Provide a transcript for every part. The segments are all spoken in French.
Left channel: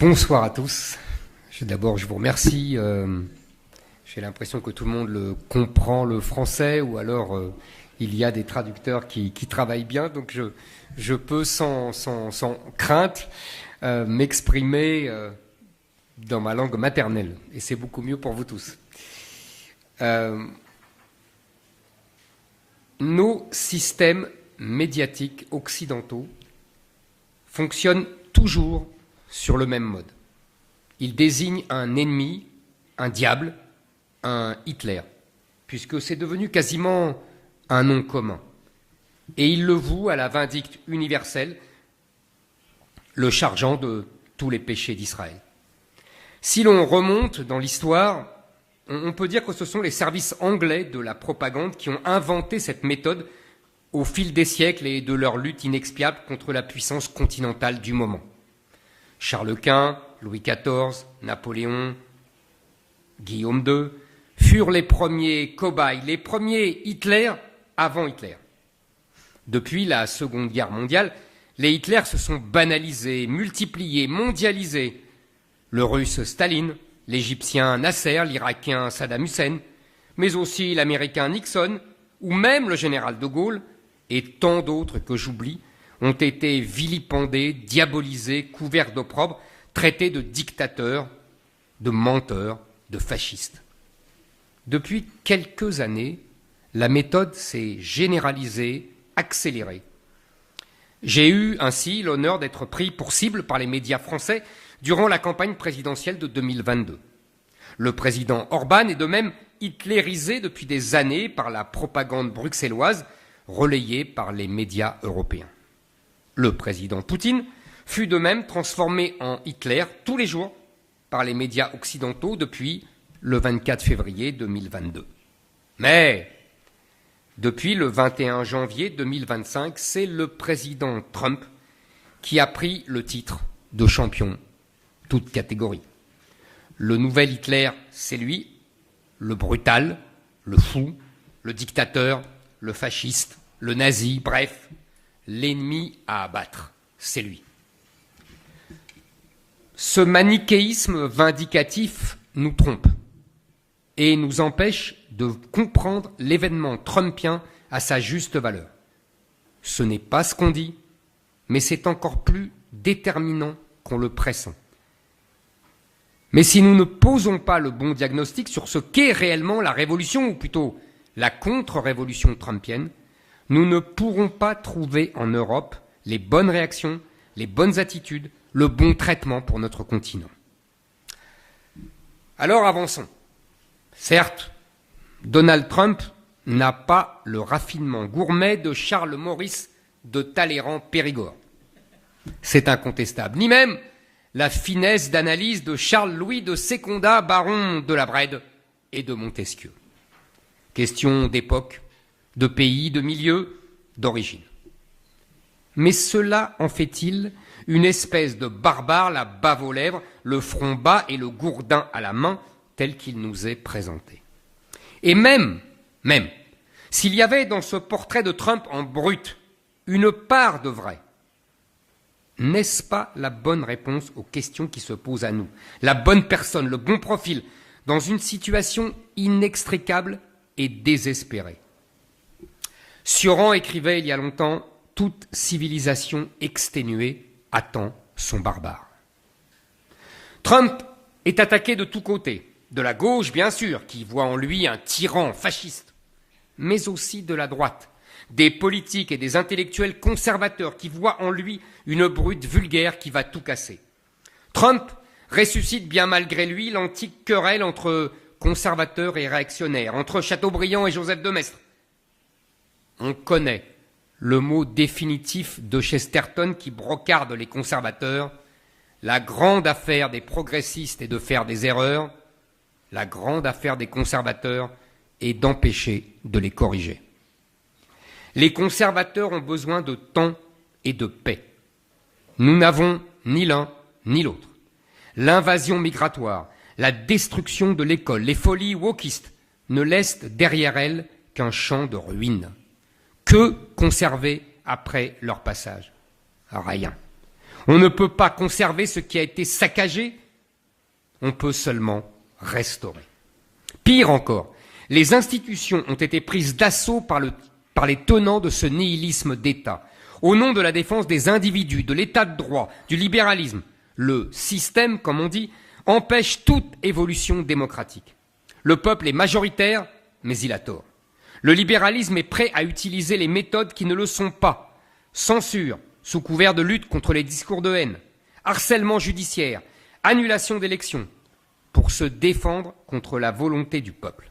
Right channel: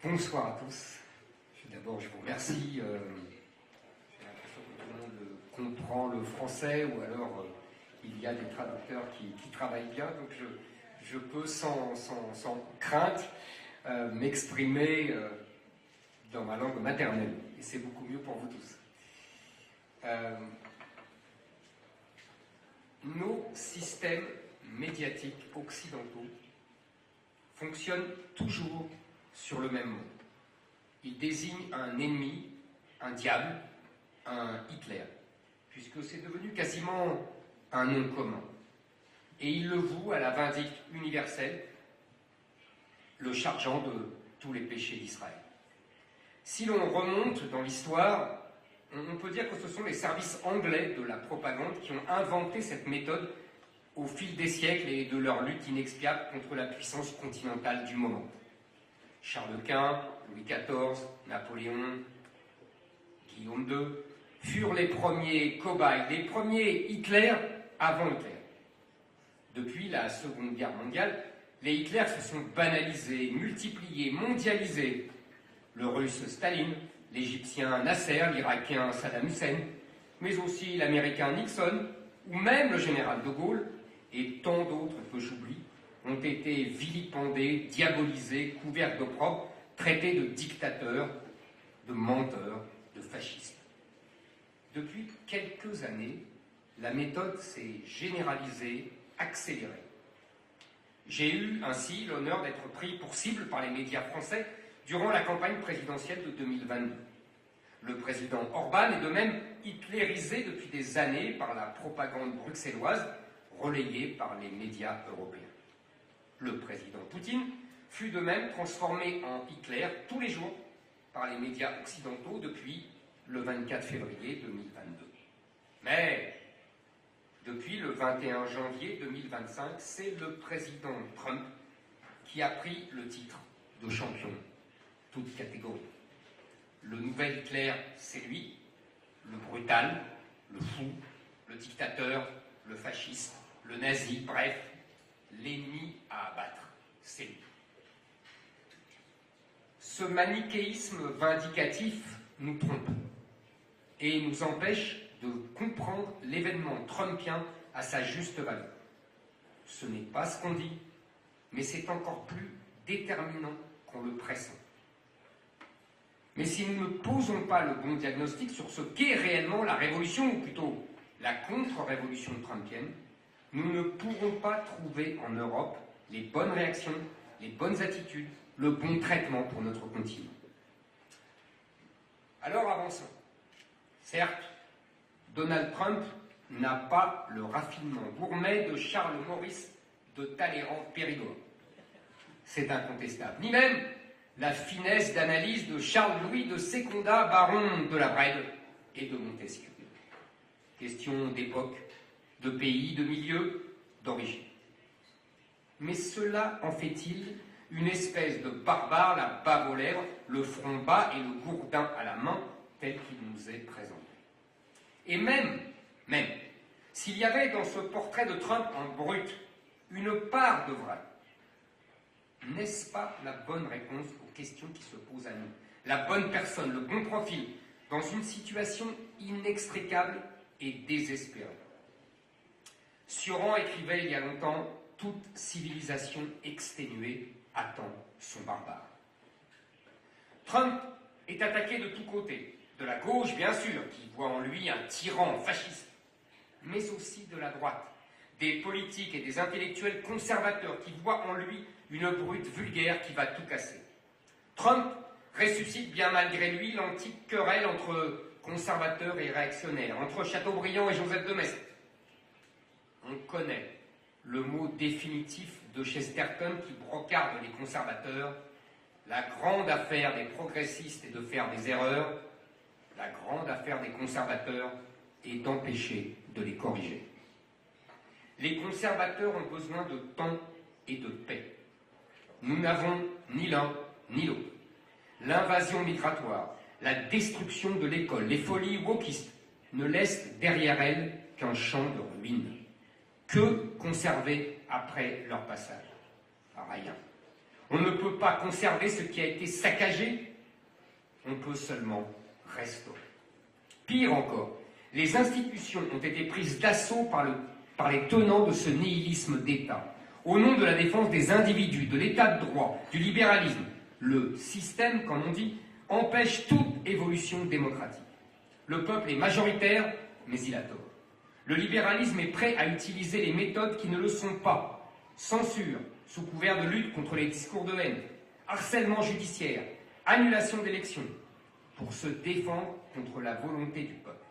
Bonsoir à tous. D'abord, je vous remercie. J'ai l'impression que tout le monde comprend le français, ou alors il y a des traducteurs qui travaillent bien, donc je peux sans crainte m'exprimer dans ma langue maternelle, et c'est beaucoup mieux pour vous tous. Nos systèmes médiatiques occidentaux fonctionnent toujours sur le même mode. Il désigne un ennemi, un diable, un Hitler, puisque c'est devenu quasiment un nom commun. Et il le voue à la vindicte universelle, le chargeant de tous les péchés d'Israël. Si l'on remonte dans l'histoire, on peut dire que ce sont les services anglais de la propagande qui ont inventé cette méthode au fil des siècles et de leur lutte inexpiable contre la puissance continentale du moment. Charles Quint, Louis XIV, Napoléon, Guillaume II furent les premiers cobayes, les premiers Hitler avant Hitler. Depuis la Seconde Guerre mondiale, les Hitlers se sont banalisés, multipliés, mondialisés. Le russe Staline, l'Égyptien Nasser, l'Irakien Saddam Hussein, mais aussi l'Américain Nixon, ou même le général de Gaulle, et tant d'autres que j'oublie, ont été vilipendés, diabolisés, couverts d'opprobre, traités de dictateurs, de menteurs, de fascistes. Depuis quelques années, la méthode s'est généralisée, accélérée. J'ai eu ainsi l'honneur d'être pris pour cible par les médias français durant la campagne présidentielle de 2022. Le président Orban est de même hitlérisé depuis des années par la propagande bruxelloise, relayée par les médias européens. Le président Poutine fut de même transformé en Hitler tous les jours par les médias occidentaux depuis le 24 février 2022. Mais depuis le 21 janvier 2025, c'est le président Trump qui a pris le titre de champion, toute catégorie. Le nouvel Hitler, c'est lui, le brutal, le fou, le dictateur, le fasciste, le nazi, bref, l'ennemi à abattre, c'est lui. Ce manichéisme vindicatif nous trompe et nous empêche de comprendre l'événement trumpien à sa juste valeur. Ce n'est pas ce qu'on dit, mais c'est encore plus déterminant qu'on le pressent. Mais si nous ne posons pas le bon diagnostic sur ce qu'est réellement la révolution, ou plutôt la contre-révolution trumpienne, nous ne pourrons pas trouver en Europe les bonnes réactions, les bonnes attitudes, le bon traitement pour notre continent. Alors avançons. Certes, Donald Trump n'a pas le raffinement gourmet de Charles Maurice de Talleyrand-Périgord. C'est incontestable. Ni même la finesse d'analyse de Charles-Louis de Secondat, baron de la Brède et de Montesquieu. Question d'époque, de pays, de milieu, d'origine. Mais cela en fait-il une espèce de barbare, la bave aux lèvres, le front bas et le gourdin à la main, tel qu'il nous est présenté. Et même, s'il y avait dans ce portrait de Trump en brut une part de vrai, n'est-ce pas la bonne réponse aux questions qui se posent à nous? La bonne personne, le bon profil, dans une situation inextricable et désespérée. Sioran écrivait il y a longtemps « Toute civilisation exténuée attend son barbare ». Trump est attaqué de tous côtés, de la gauche bien sûr, qui voit en lui un tyran fasciste, mais aussi de la droite, des politiques et des intellectuels conservateurs qui voient en lui une brute vulgaire qui va tout casser. Trump ressuscite bien malgré lui l'antique querelle entre conservateurs et réactionnaires, entre Chateaubriand et Joseph de Maistre. On connaît le mot définitif de Chesterton qui brocarde les conservateurs. La grande affaire des progressistes est de faire des erreurs. La grande affaire des conservateurs est d'empêcher de les corriger. Les conservateurs ont besoin de temps et de paix. Nous n'avons ni l'un ni l'autre. L'invasion migratoire, la destruction de l'école, les folies wokistes ne laissent derrière elles qu'un champ de ruines. Que conserver après leur passage? Rien. On ne peut pas conserver ce qui a été saccagé, on peut seulement restaurer. Pire encore, les institutions ont été prises d'assaut par les tenants de ce nihilisme d'État. Au nom de la défense des individus, de l'état de droit, du libéralisme, le système, comme on dit, empêche toute évolution démocratique. Le peuple est majoritaire, mais il a tort. Le libéralisme est prêt à utiliser les méthodes qui ne le sont pas. Censure, sous couvert de lutte contre les discours de haine, harcèlement judiciaire, annulation d'élections, pour se défendre contre la volonté du peuple.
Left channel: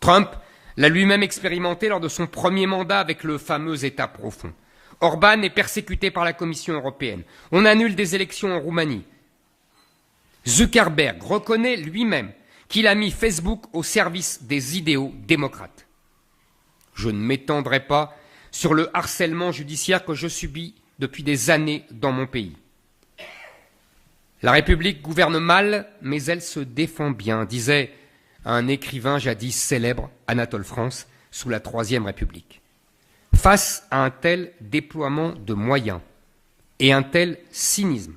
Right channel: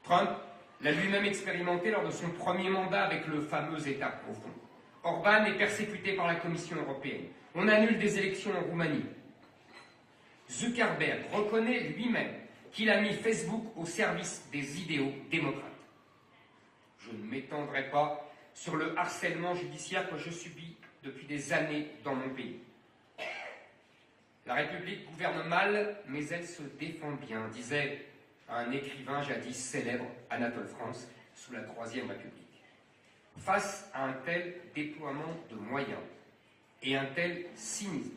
Trump l'a lui-même expérimenté lors de son premier mandat avec le fameux État profond. Orban est persécuté par la Commission européenne. On annule des élections en Roumanie. Zuckerberg reconnaît lui-même qu'il a mis Facebook au service des idéaux démocrates. Je ne m'étendrai pas sur le harcèlement judiciaire que je subis depuis des années dans mon pays. La République gouverne mal, mais elle se défend bien, disait un écrivain jadis célèbre, Anatole France, sous la Troisième République. Face à un tel déploiement de moyens et un tel cynisme,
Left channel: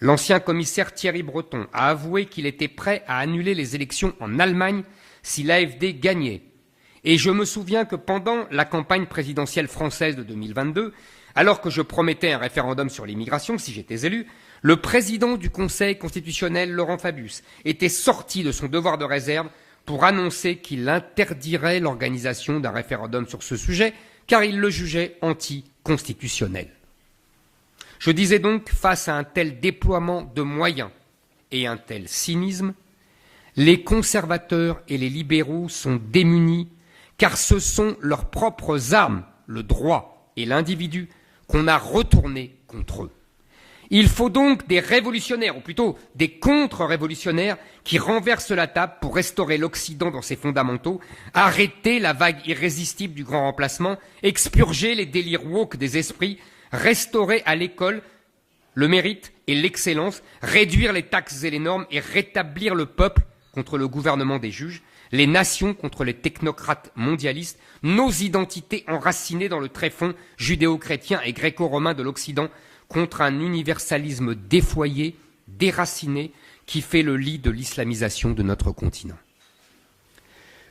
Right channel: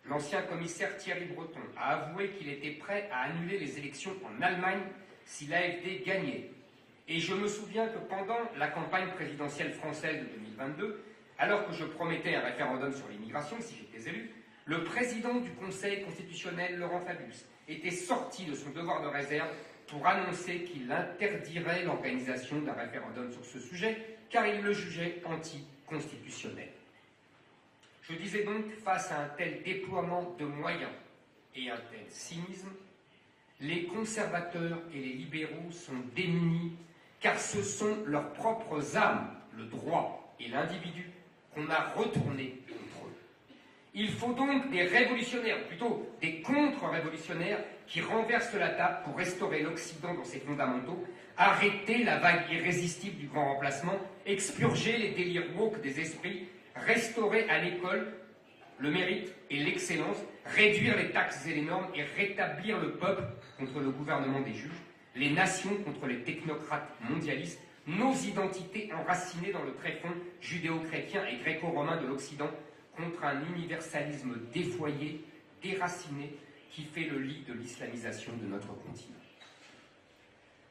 l'ancien commissaire Thierry Breton a avoué qu'il était prêt à annuler les élections en Allemagne si l'AfD gagnait. Et je me souviens que pendant la campagne présidentielle française de 2022, alors que je promettais un référendum sur l'immigration, si j'étais élu, le président du Conseil constitutionnel, Laurent Fabius, était sorti de son devoir de réserve pour annoncer qu'il interdirait l'organisation d'un référendum sur ce sujet, car il le jugeait anticonstitutionnel. Je disais donc, face à un tel déploiement de moyens et un tel cynisme, les conservateurs et les libéraux sont démunis, car ce sont leurs propres armes, le droit et l'individu, qu'on a retournés contre eux. Il faut donc des révolutionnaires, ou plutôt des contre-révolutionnaires, qui renversent la table pour restaurer l'Occident dans ses fondamentaux, arrêter la vague irrésistible du grand remplacement, expurger les délires woke des esprits, restaurer à l'école le mérite et l'excellence, réduire les taxes et les normes et rétablir le peuple contre le gouvernement des juges, les nations contre les technocrates mondialistes, nos identités enracinées dans le tréfonds judéo-chrétien et gréco-romain de l'Occident contre un universalisme défoyé, déraciné, qui fait le lit de l'islamisation de notre continent.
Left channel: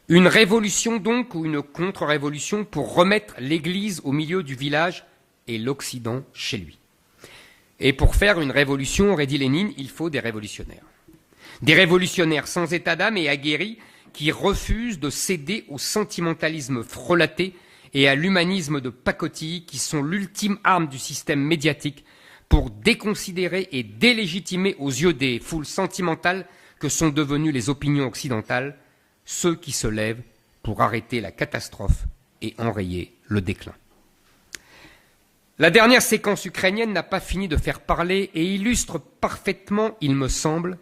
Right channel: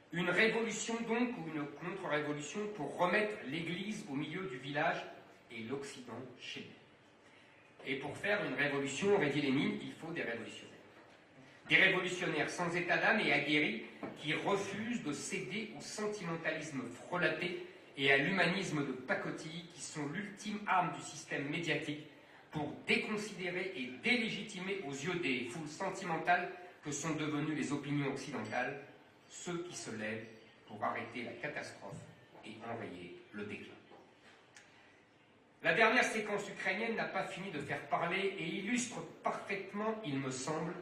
Une révolution donc, ou une contre-révolution, pour remettre l'Église au milieu du village et l'Occident chez lui. Et pour faire une révolution, aurait dit Lénine, il faut des révolutionnaires. Des révolutionnaires sans état d'âme et aguerris qui refusent de céder au sentimentalisme frelaté et à l'humanisme de pacotille qui sont l'ultime arme du système médiatique pour déconsidérer et délégitimer aux yeux des foules sentimentales que sont devenues les opinions occidentales ceux qui se lèvent pour arrêter la catastrophe et enrayer le déclin. La dernière séquence ukrainienne n'a pas fini de faire parler et illustre parfaitement, il me semble,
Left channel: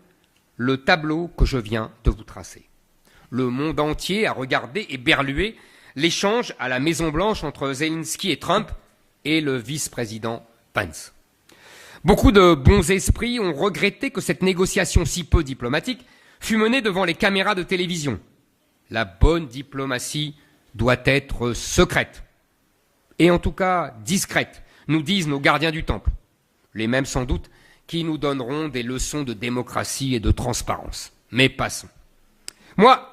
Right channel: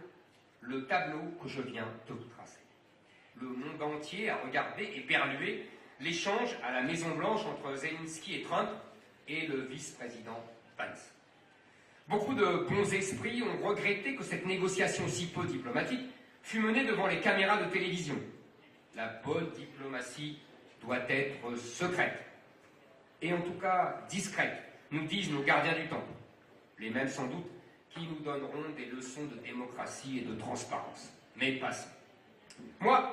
le tableau que je viens de vous tracer. Le monde entier a regardé et berlué l'échange à la Maison-Blanche entre Zelensky et Trump et le vice-président Pence. Beaucoup de bons esprits ont regretté que cette négociation si peu diplomatique fût menée devant les caméras de télévision. La bonne diplomatie doit être secrète, et en tout cas discrète, nous disent nos gardiens du temple, les mêmes sans doute qui nous donneront des leçons de démocratie et de transparence. Mais passons. Moi,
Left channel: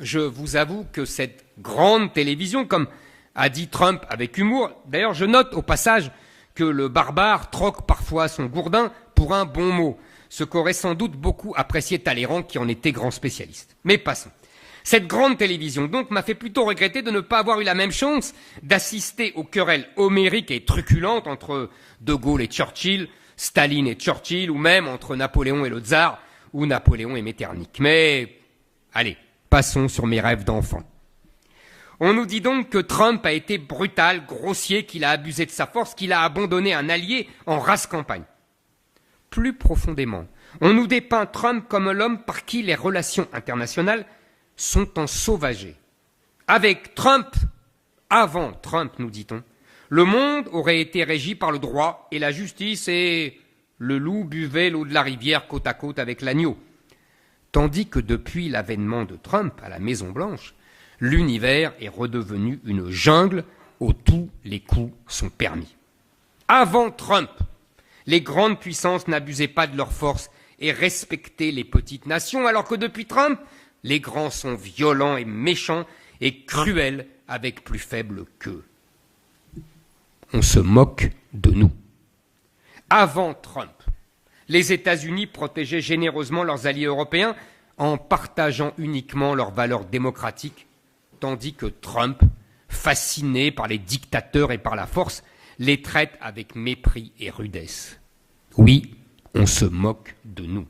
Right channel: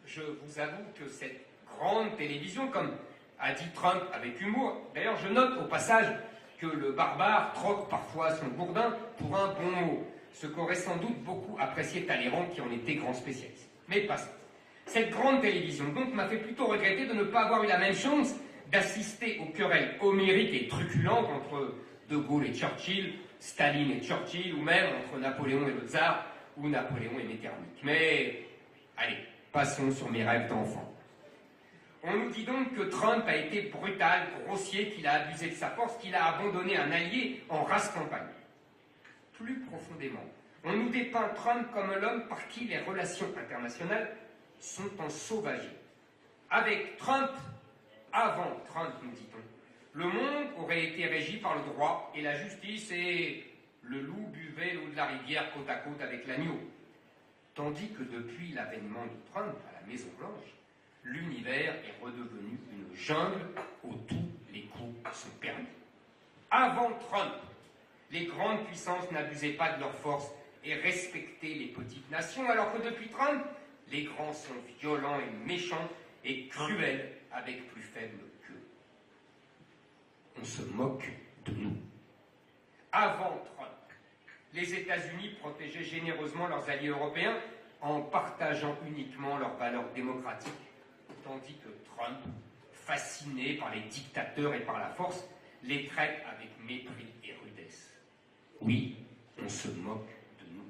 je vous avoue que cette grande télévision, comme a dit Trump avec humour, d'ailleurs je note au passage que le barbare troque parfois son gourdin pour un bon mot, ce qu'aurait sans doute beaucoup apprécié Talleyrand qui en était grand spécialiste. Mais passons. Cette grande télévision donc m'a fait plutôt regretter de ne pas avoir eu la même chance d'assister aux querelles homériques et truculentes entre De Gaulle et Churchill, Staline et Churchill, ou même entre Napoléon et le tsar, ou Napoléon et Metternich. Mais allez, passons sur mes rêves d'enfant. On nous dit donc que Trump a été brutal, grossier, qu'il a abusé de sa force, qu'il a abandonné un allié en rase campagne. Plus profondément, on nous dépeint Trump comme l'homme par qui les relations internationales sont ensauvagées. Avec Trump, avant Trump, nous dit-on, le monde aurait été régi par le droit et la justice et le loup buvait l'eau de la rivière côte à côte avec l'agneau. Tandis que depuis l'avènement de Trump à la Maison-Blanche, l'univers est redevenu une jungle où tous les coups sont permis. Avant Trump, Les grandes puissances n'abusaient pas de leur force et respectaient les petites nations, alors que depuis Trump, les grands sont violents et méchants et cruels avec plus faibles qu'eux. On se moque de nous. Avant Trump, les États-Unis protégeaient généreusement leurs alliés européens en partageant uniquement leurs valeurs démocratiques, tandis que Trump, fasciné par les dictateurs et par la force, les traite avec mépris et rudesse. Oui, on se moque de nous.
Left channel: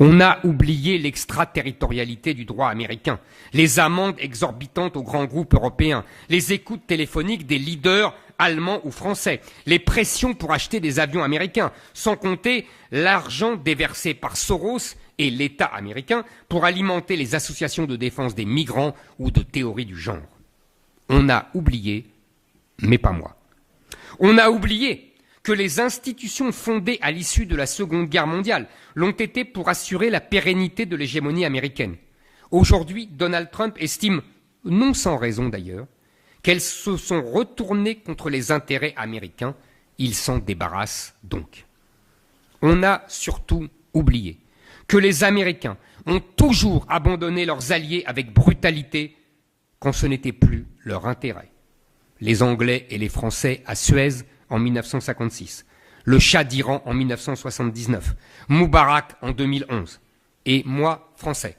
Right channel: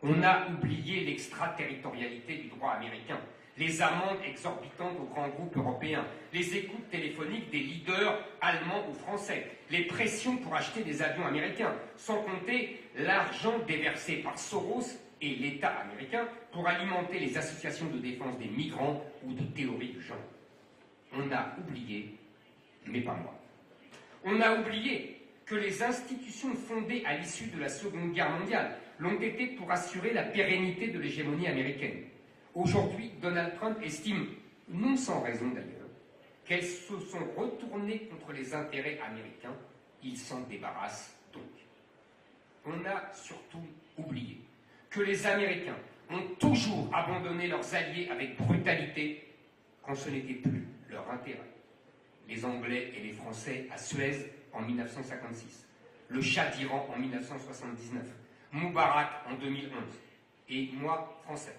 On a oublié l'extraterritorialité du droit américain, les amendes exorbitantes aux grands groupes européens, les écoutes téléphoniques des leaders allemands ou français, les pressions pour acheter des avions américains, sans compter l'argent déversé par Soros et l'État américain pour alimenter les associations de défense des migrants ou de théorie du genre. On a oublié, mais pas moi. On a oublié que les institutions fondées à l'issue de la Seconde Guerre mondiale l'ont été pour assurer la pérennité de l'hégémonie américaine. Aujourd'hui, Donald Trump estime, non sans raison d'ailleurs, qu'elles se sont retournées contre les intérêts américains. Il s'en débarrasse donc. On a surtout oublié que les Américains ont toujours abandonné leurs alliés avec brutalité quand ce n'était plus leur intérêt. Les Anglais et les Français à Suez en 1956, le Shah d'Iran en 1979, Moubarak en 2011. Et moi, Français,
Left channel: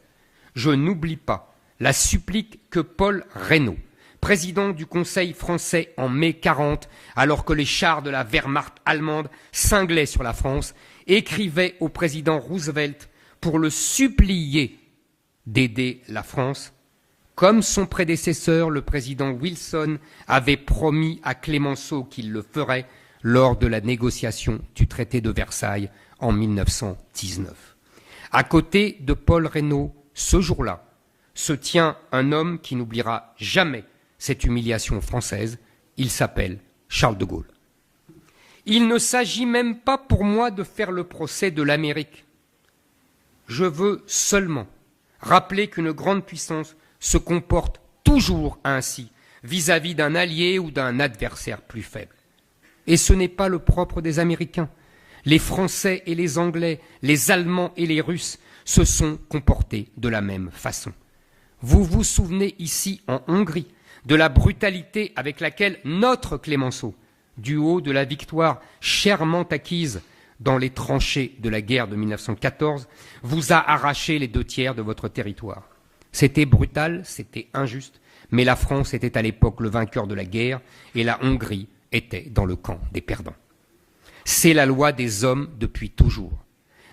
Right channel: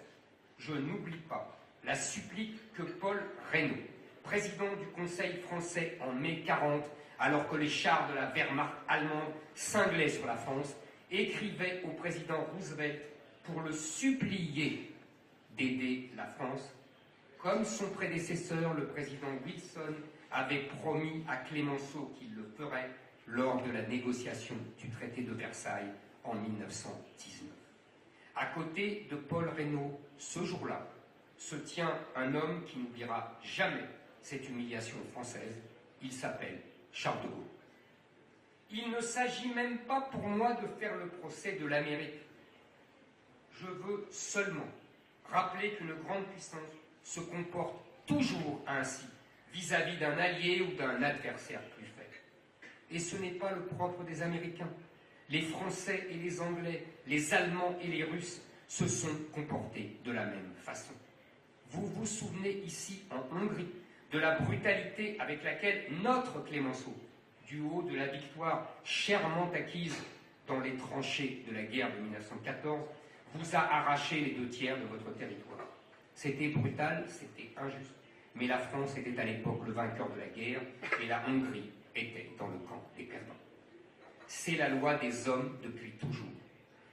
je n'oublie pas la supplique que Paul Reynaud, président du Conseil français en mai 40, alors que les chars de la Wehrmacht allemande cinglaient sur la France, écrivait au président Roosevelt pour le supplier d'aider la France, comme son prédécesseur, le président Wilson, avait promis à Clémenceau qu'il le ferait lors de la négociation du traité de Versailles en 1919. À côté de Paul Reynaud, ce jour-là, se tient un homme qui n'oubliera jamais cette humiliation française. Il s'appelle Charles de Gaulle. Il ne s'agit même pas pour moi de faire le procès de l'Amérique. Je veux seulement rappeler qu'une grande puissance se comporte toujours ainsi vis-à-vis d'un allié ou d'un adversaire plus faible. Et ce n'est pas le propre des Américains. Les Français et les Anglais, les Allemands et les Russes se sont comportés de la même façon. Vous vous souvenez ici, en Hongrie, de la brutalité avec laquelle notre Clémenceau, du haut de la victoire chèrement acquise dans les tranchées de la guerre de 1914, vous a arraché les 2/3 de votre territoire. C'était brutal, c'était injuste, mais la France était à l'époque le vainqueur de la guerre et la Hongrie était dans le camp des perdants. C'est la loi des hommes depuis toujours.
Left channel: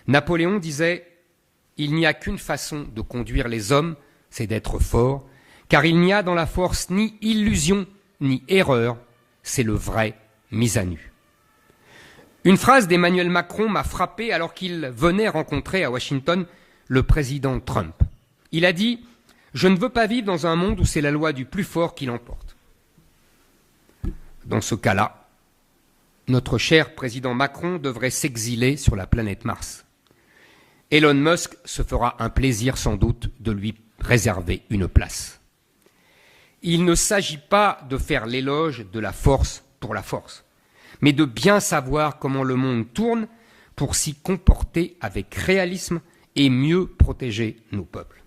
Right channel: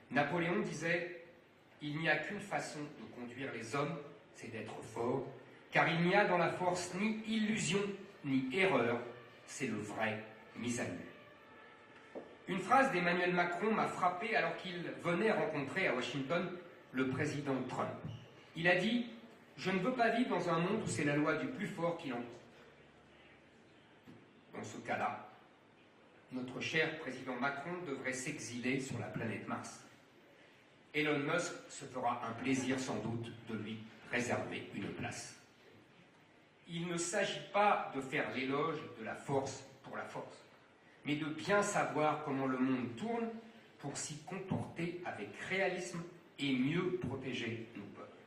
Napoléon disait « Il n'y a qu'une façon de conduire les hommes, c'est d'être fort, car il n'y a dans la force ni illusion ni erreur, c'est le vrai mise à nu. » Une phrase d'Emmanuel Macron m'a frappé alors qu'il venait rencontrer à Washington le président Trump. Il a dit « Je ne veux pas vivre dans un monde où c'est la loi du plus fort qui l'emporte. » Dans ce cas-là, notre cher président Macron devrait s'exiler sur la planète Mars. Elon Musk se fera un plaisir sans doute de lui réserver une place. Il ne s'agit pas de faire l'éloge de la force pour la force, mais de bien savoir comment le monde tourne pour s'y comporter avec réalisme et mieux protéger nos peuples.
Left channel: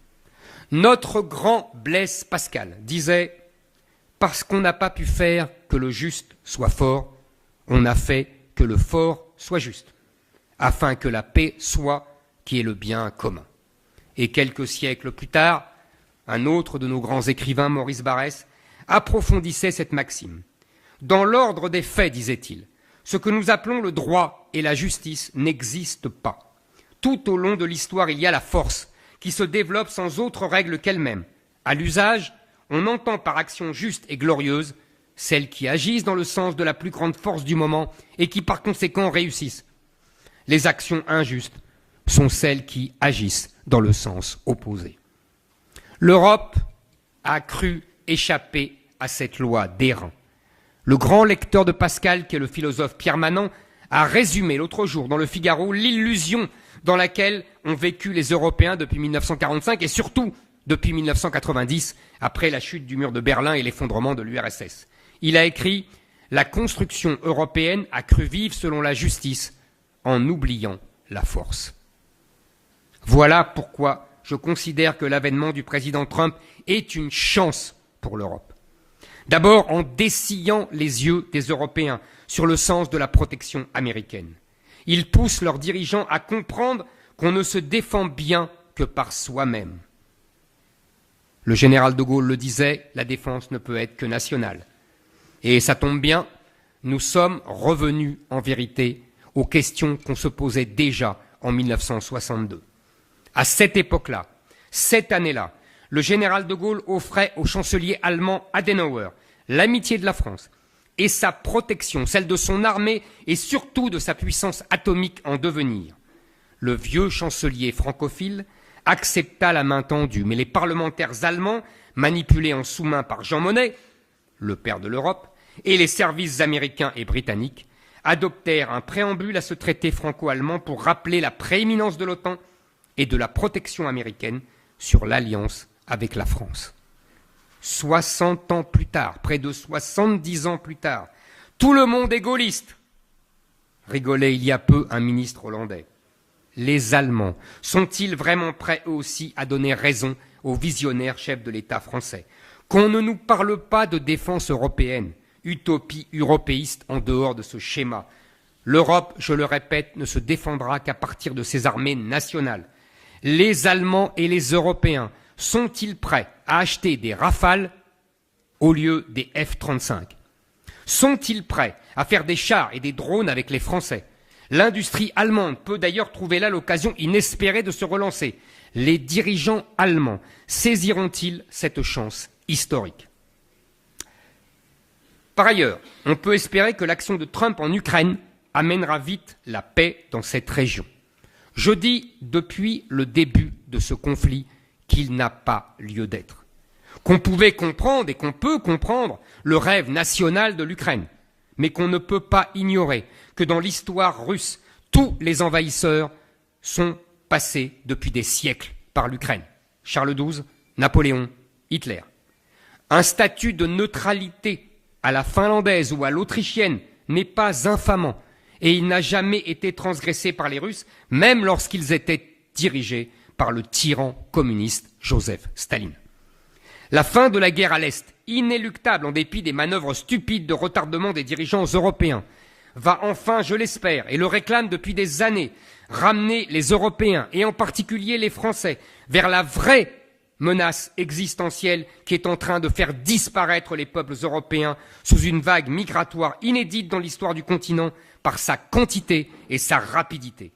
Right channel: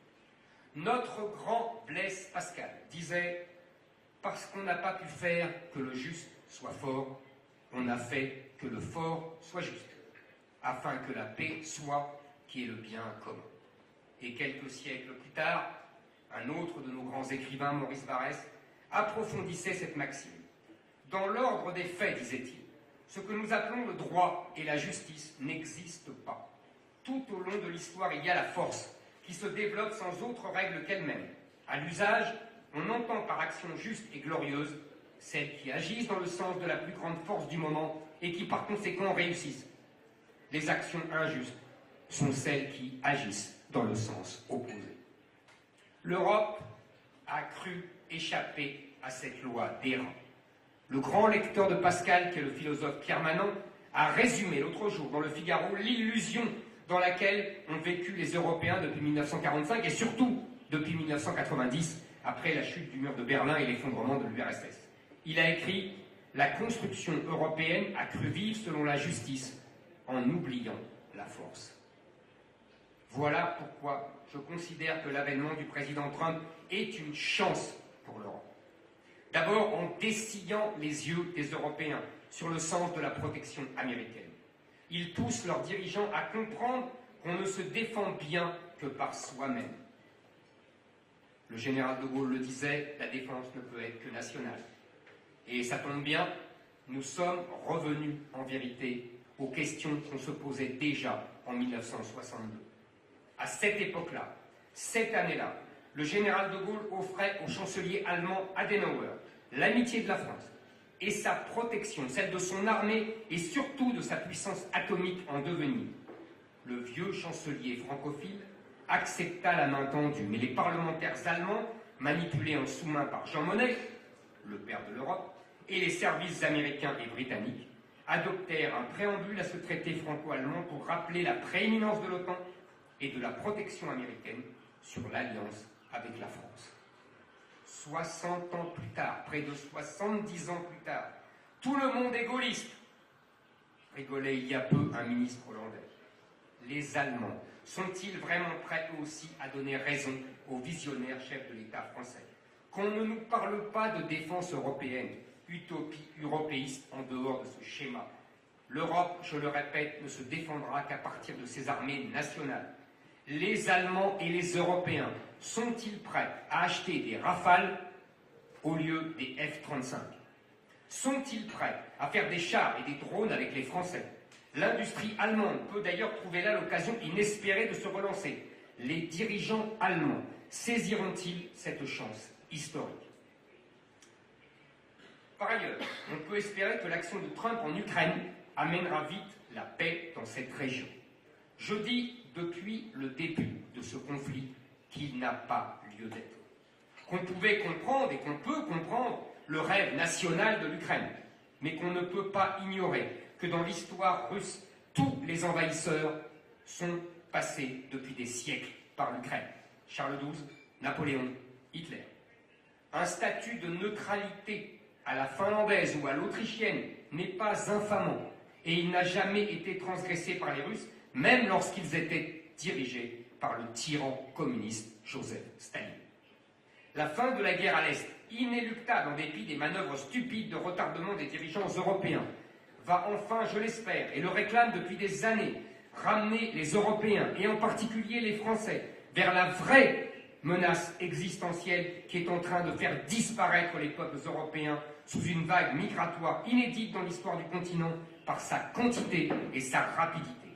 Notre grand Blaise Pascal disait « Parce qu'on n'a pas pu faire que le juste soit fort, on a fait que le fort soit juste, afin que la paix soit qui est le bien commun. » Et quelques siècles plus tard, un autre de nos grands écrivains, Maurice Barrès, approfondissait cette maxime. Dans l'ordre des faits, disait-il, ce que nous appelons le droit et la justice n'existent pas. Tout au long de l'histoire, il y a la force qui se développe sans autre règle qu'elle-même. À l'usage, on entend par action juste et glorieuse celles qui agissent dans le sens de la plus grande force du moment et qui par conséquent réussissent. Les actions injustes sont celles qui agissent dans le sens opposé. L'Europe a cru échapper à cette loi d'airain. Le grand lecteur de Pascal, qui est le philosophe Pierre Manant, a résumé l'autre jour dans le Figaro l'illusion dans laquelle ont vécu les Européens depuis 1945 et surtout depuis 1990, après la chute du mur de Berlin et l'effondrement de l'URSS. Il a écrit « La construction européenne a cru vivre selon la justice, en oubliant la force. Voilà pourquoi je considère que l'avènement du président Trump est une chance pour l'Europe. D'abord en dessillant les yeux des Européens sur le sens de la protection américaine. Il pousse leurs dirigeants à comprendre qu'on ne se défend bien que par soi-même. Le général de Gaulle le disait, la défense ne peut être que nationale. Et ça tombe bien, nous sommes revenus en vérité aux questions qu'on se posait déjà en 1962. À cette époque-là, cette année-là, le général de Gaulle offrait au chancelier allemand Adenauer l'amitié de la France et sa protection, celle de son armée et surtout de sa puissance atomique en devenir. Le vieux chancelier francophile accepta la main tendue, mais les parlementaires allemands, manipulés en sous-main par Jean Monnet, le père de l'Europe, et les services américains et britanniques, adoptèrent un préambule à ce traité franco-allemand pour rappeler la prééminence de l'OTAN et de la protection américaine sur l'alliance avec la France. 60 ans plus tard, près de 70 ans plus tard, tout le monde est gaulliste, rigolait il y a peu un ministre hollandais. Les Allemands sont-ils vraiment prêts eux aussi à donner raison au visionnaire chef de l'État français? Qu'on ne nous parle pas de défense européenne, utopie européiste en dehors de ce schéma. L'Europe, je le répète, ne se défendra qu'à partir de ses armées nationales. Les Allemands et les Européens sont-ils prêts à acheter des Rafales au lieu des F-35? Sont-ils prêts à faire des chars et des drones avec les Français? L'industrie allemande peut d'ailleurs trouver là l'occasion inespérée de se relancer. Les dirigeants allemands saisiront-ils cette chance historique? Par ailleurs, on peut espérer que l'action de Trump en Ukraine amènera vite la paix dans cette région. Je dis depuis le début de ce conflit qu'il n'a pas lieu d'être. Qu'on pouvait comprendre et qu'on peut comprendre le rêve national de l'Ukraine, mais qu'on ne peut pas ignorer que dans l'histoire russe, tous les envahisseurs sont passés depuis des siècles par l'Ukraine. Charles XII, Napoléon, Hitler. Un statut de neutralité à la finlandaise ou à l'autrichienne n'est pas infamant et il n'a jamais été transgressé par les Russes, même lorsqu'ils étaient dirigés par le tyran communiste Joseph Staline. La fin de la guerre à l'Est, inéluctable en dépit des manœuvres stupides de retardement des dirigeants européens, va enfin, je l'espère, et le réclame depuis des années, ramener les Européens, et en particulier les Français, vers la vraie menace existentielle qui est en train de faire disparaître les peuples européens sous une vague migratoire inédite dans l'histoire du continent par sa quantité et sa rapidité.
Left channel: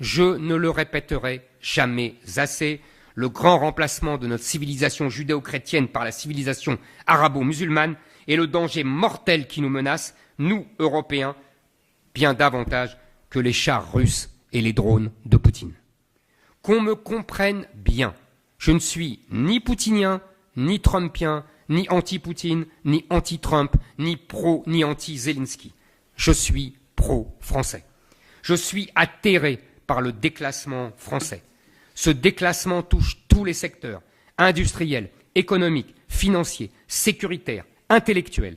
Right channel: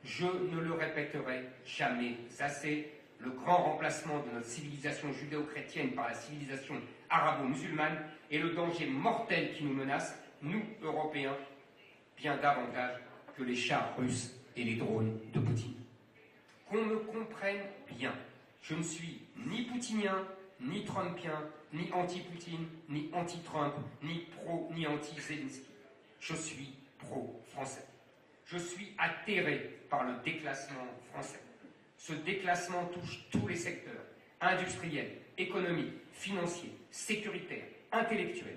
Je ne le répéterai jamais assez, le grand remplacement de notre civilisation judéo-chrétienne par la civilisation arabo-musulmane est le danger mortel qui nous menace, nous, Européens, bien davantage que les chars russes et les drones de Poutine. Qu'on me comprenne bien, je ne suis ni poutinien, ni trumpien, ni anti-Poutine, ni anti-Trump, ni pro, ni anti-Zelensky. Je suis pro-français. Je suis atterré par le déclassement français. Ce déclassement touche tous les secteurs, industriels, économiques, financiers, sécuritaires, intellectuels.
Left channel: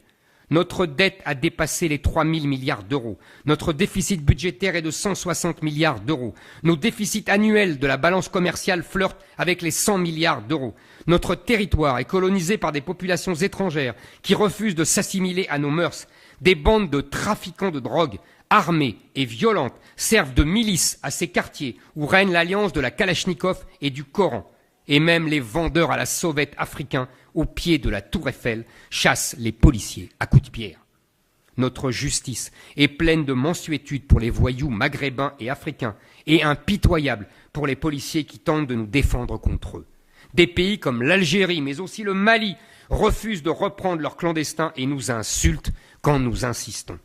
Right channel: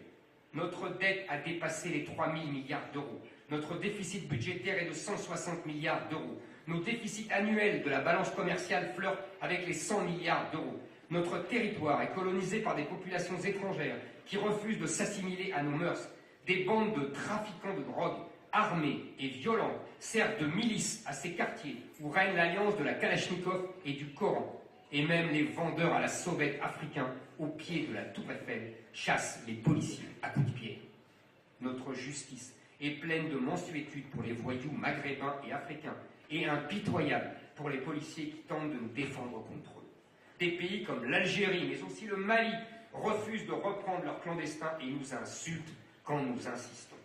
Notre dette a dépassé les 3 000 milliards d'euros. Notre déficit budgétaire est de 160 milliards d'euros. Nos déficits annuels de la balance commerciale flirtent avec les 100 milliards d'euros. Notre territoire est colonisé par des populations étrangères qui refusent de s'assimiler à nos mœurs. Des bandes de trafiquants de drogue, armées et violentes, servent de milices à ces quartiers où règne l'alliance de la Kalachnikov et du Coran. Et même les vendeurs à la sauvette africains, au pied de la tour Eiffel, chassent les policiers à coups de pierre. Notre justice est pleine de mansuétude pour les voyous maghrébins et africains et impitoyable pour les policiers qui tentent de nous défendre contre eux. Des pays comme l'Algérie, mais aussi le Mali, refusent de reprendre leurs clandestins et nous insultent quand nous insistons.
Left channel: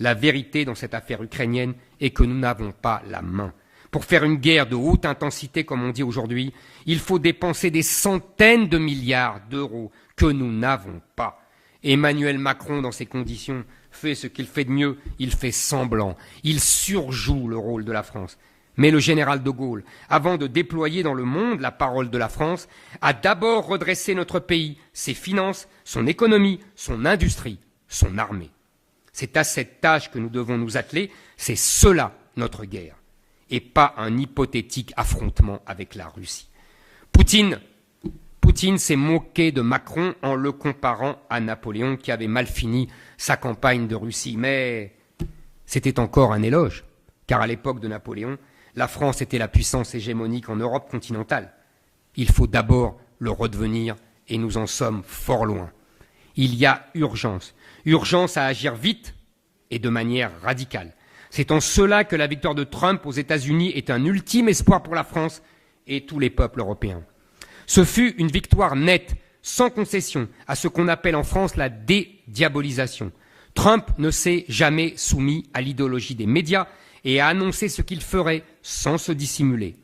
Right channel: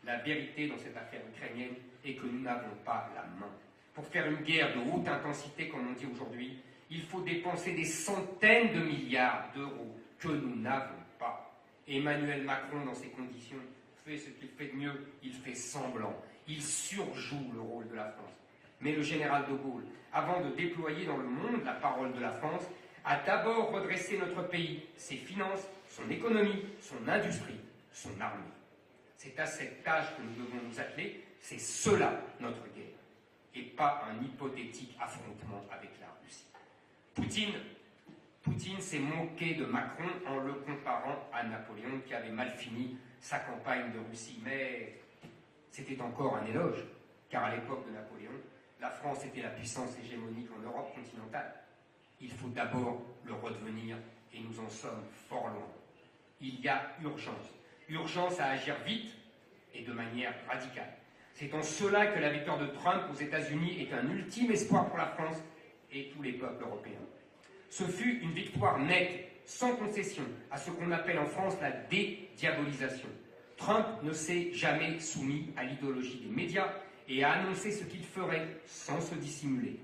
La vérité dans cette affaire ukrainienne est que nous n'avons pas la main. Pour faire une guerre de haute intensité, comme on dit aujourd'hui, il faut dépenser des centaines de milliards d'euros que nous n'avons pas. Emmanuel Macron, dans ces conditions, fait ce qu'il fait de mieux, il fait semblant, il surjoue le rôle de la France. Mais le général de Gaulle, avant de déployer dans le monde la parole de la France, a d'abord redressé notre pays, ses finances, son économie, son industrie, son armée. C'est à cette tâche que nous devons nous atteler. C'est cela notre guerre, et pas un hypothétique affrontement avec la Russie. Poutine s'est moqué de Macron en le comparant à Napoléon qui avait mal fini sa campagne de Russie. Mais c'était encore un éloge, car à l'époque de Napoléon, la France était la puissance hégémonique en Europe continentale. Il faut d'abord le redevenir, et nous en sommes fort loin. Il y a urgence à agir vite et de manière radicale. C'est en cela que la victoire de Trump aux États-Unis est un ultime espoir pour la France et tous les peuples européens. Ce fut une victoire nette, sans concession, à ce qu'on appelle en France la dédiabolisation. Trump ne s'est jamais soumis à l'idéologie des médias et a annoncé ce qu'il ferait sans se dissimuler.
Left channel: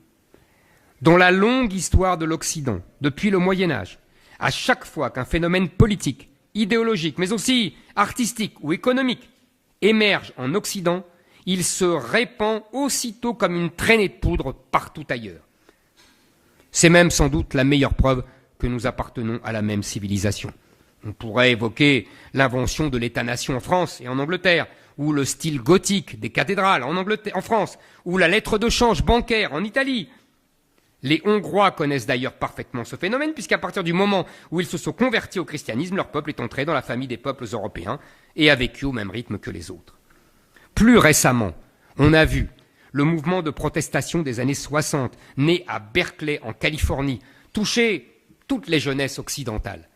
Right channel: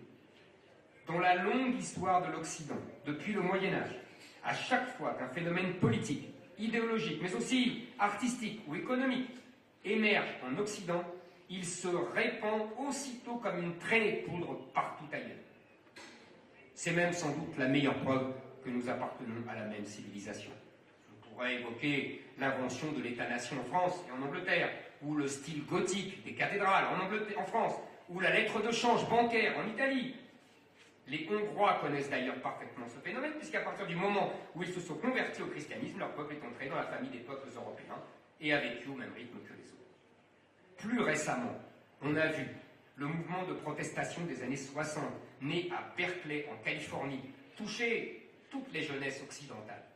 Dans la longue histoire de l'Occident, depuis le Moyen-Âge, à chaque fois qu'un phénomène politique, idéologique, mais aussi artistique ou économique émerge en Occident, il se répand aussitôt comme une traînée de poudre partout ailleurs. C'est même sans doute la meilleure preuve que nous appartenons à la même civilisation. On pourrait évoquer l'invention de l'État-nation en France et en Angleterre, ou le style gothique des cathédrales en France, ou la lettre de change bancaire en Italie. Les Hongrois connaissent d'ailleurs parfaitement ce phénomène, puisqu'à partir du moment où ils se sont convertis au christianisme, leur peuple est entré dans la famille des peuples européens et a vécu au même rythme que les autres. Plus récemment, on a vu le mouvement de protestation des années 60, né à Berkeley, en Californie, toucher toutes les jeunesses occidentales.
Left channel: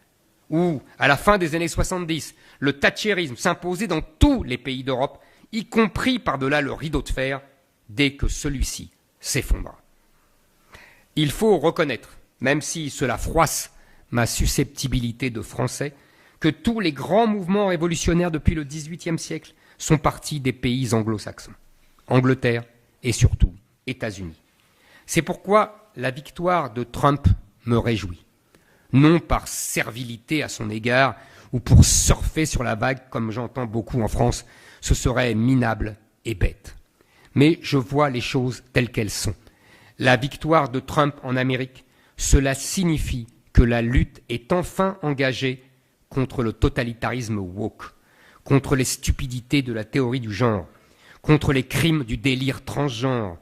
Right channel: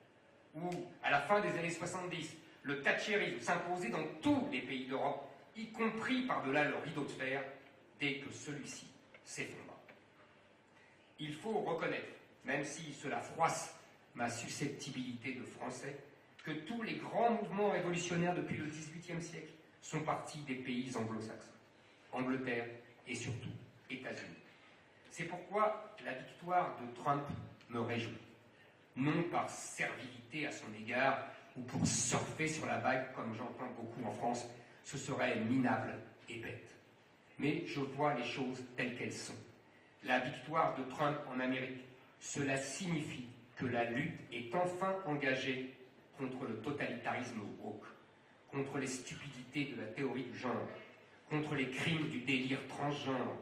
Ou, à la fin des années 70, le thatchérisme s'imposait dans tous les pays d'Europe, y compris par-delà le rideau de fer, dès que celui-ci s'effondra. Il faut reconnaître, même si cela froisse ma susceptibilité de français, que tous les grands mouvements révolutionnaires depuis le XVIIIe siècle sont partis des pays anglo-saxons, Angleterre et surtout États-Unis. C'est pourquoi la victoire de Trump me réjouit, non par servilité à son égard ou pour surfer sur la vague comme j'entends beaucoup en France, ce serait minable et bête. Mais je vois les choses telles qu'elles sont. La victoire de Trump en Amérique, cela signifie que la lutte est enfin engagée contre le totalitarisme woke, contre les stupidités de la théorie du genre, contre les crimes du délire transgenre,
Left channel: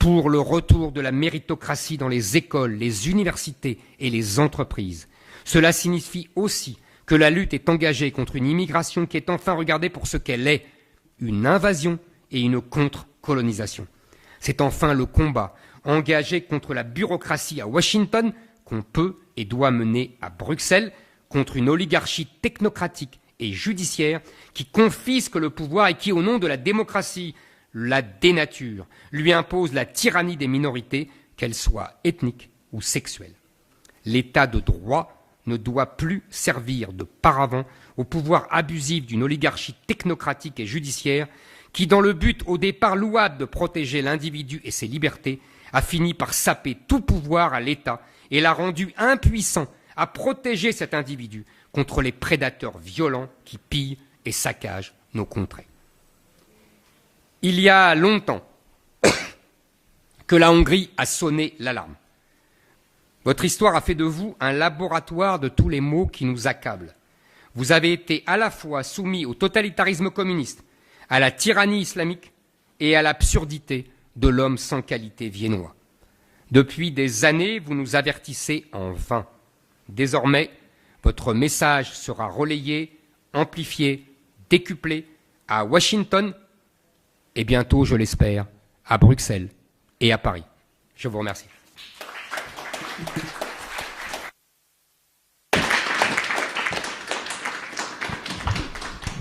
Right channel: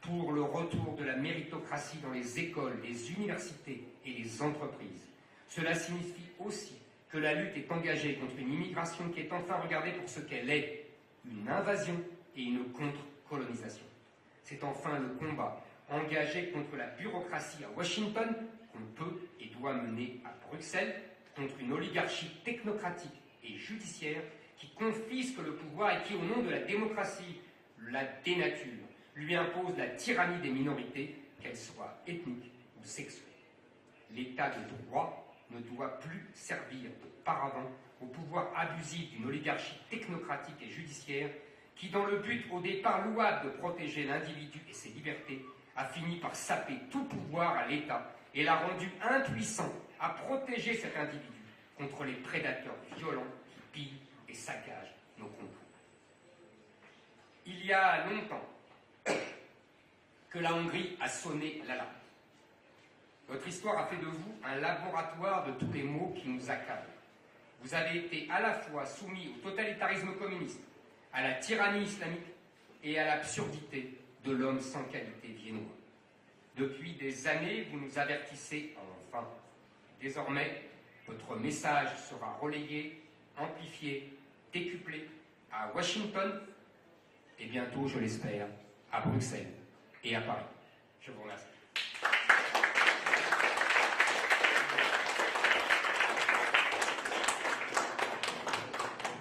pour le retour de la méritocratie dans les écoles, les universités et les entreprises. Cela signifie aussi que la lutte est engagée contre une immigration qui est enfin regardée pour ce qu'elle est, une invasion et une contre-colonisation. C'est enfin le combat engagé contre la bureaucratie à Washington qu'on peut et doit mener à Bruxelles, contre une oligarchie technocratique et judiciaire qui confisque le pouvoir et qui, au nom de la démocratie, la dénature, lui impose la tyrannie des minorités, qu'elles soient ethniques ou sexuelles. L'état de droit ne doit plus servir de paravent au pouvoir abusif d'une oligarchie technocratique et judiciaire qui, dans le but au départ louable de protéger l'individu et ses libertés, a fini par saper tout pouvoir à l'État et l'a rendu impuissant à protéger cet individu contre les prédateurs violents qui pillent et saccagent nos contrées. Il y a longtemps que la Hongrie a sonné l'alarme. Votre histoire a fait de vous un laboratoire de tous les maux qui nous accablent. Vous avez été à la fois soumis au totalitarisme communiste, à la tyrannie islamique et à l'absurdité de l'homme sans qualité viennois. Depuis des années, vous nous avertissez en vain. Désormais, votre message sera relayé, amplifié, décuplé à Washington et bientôt, je l'espère, à Bruxelles et à Paris. Je vous remercie.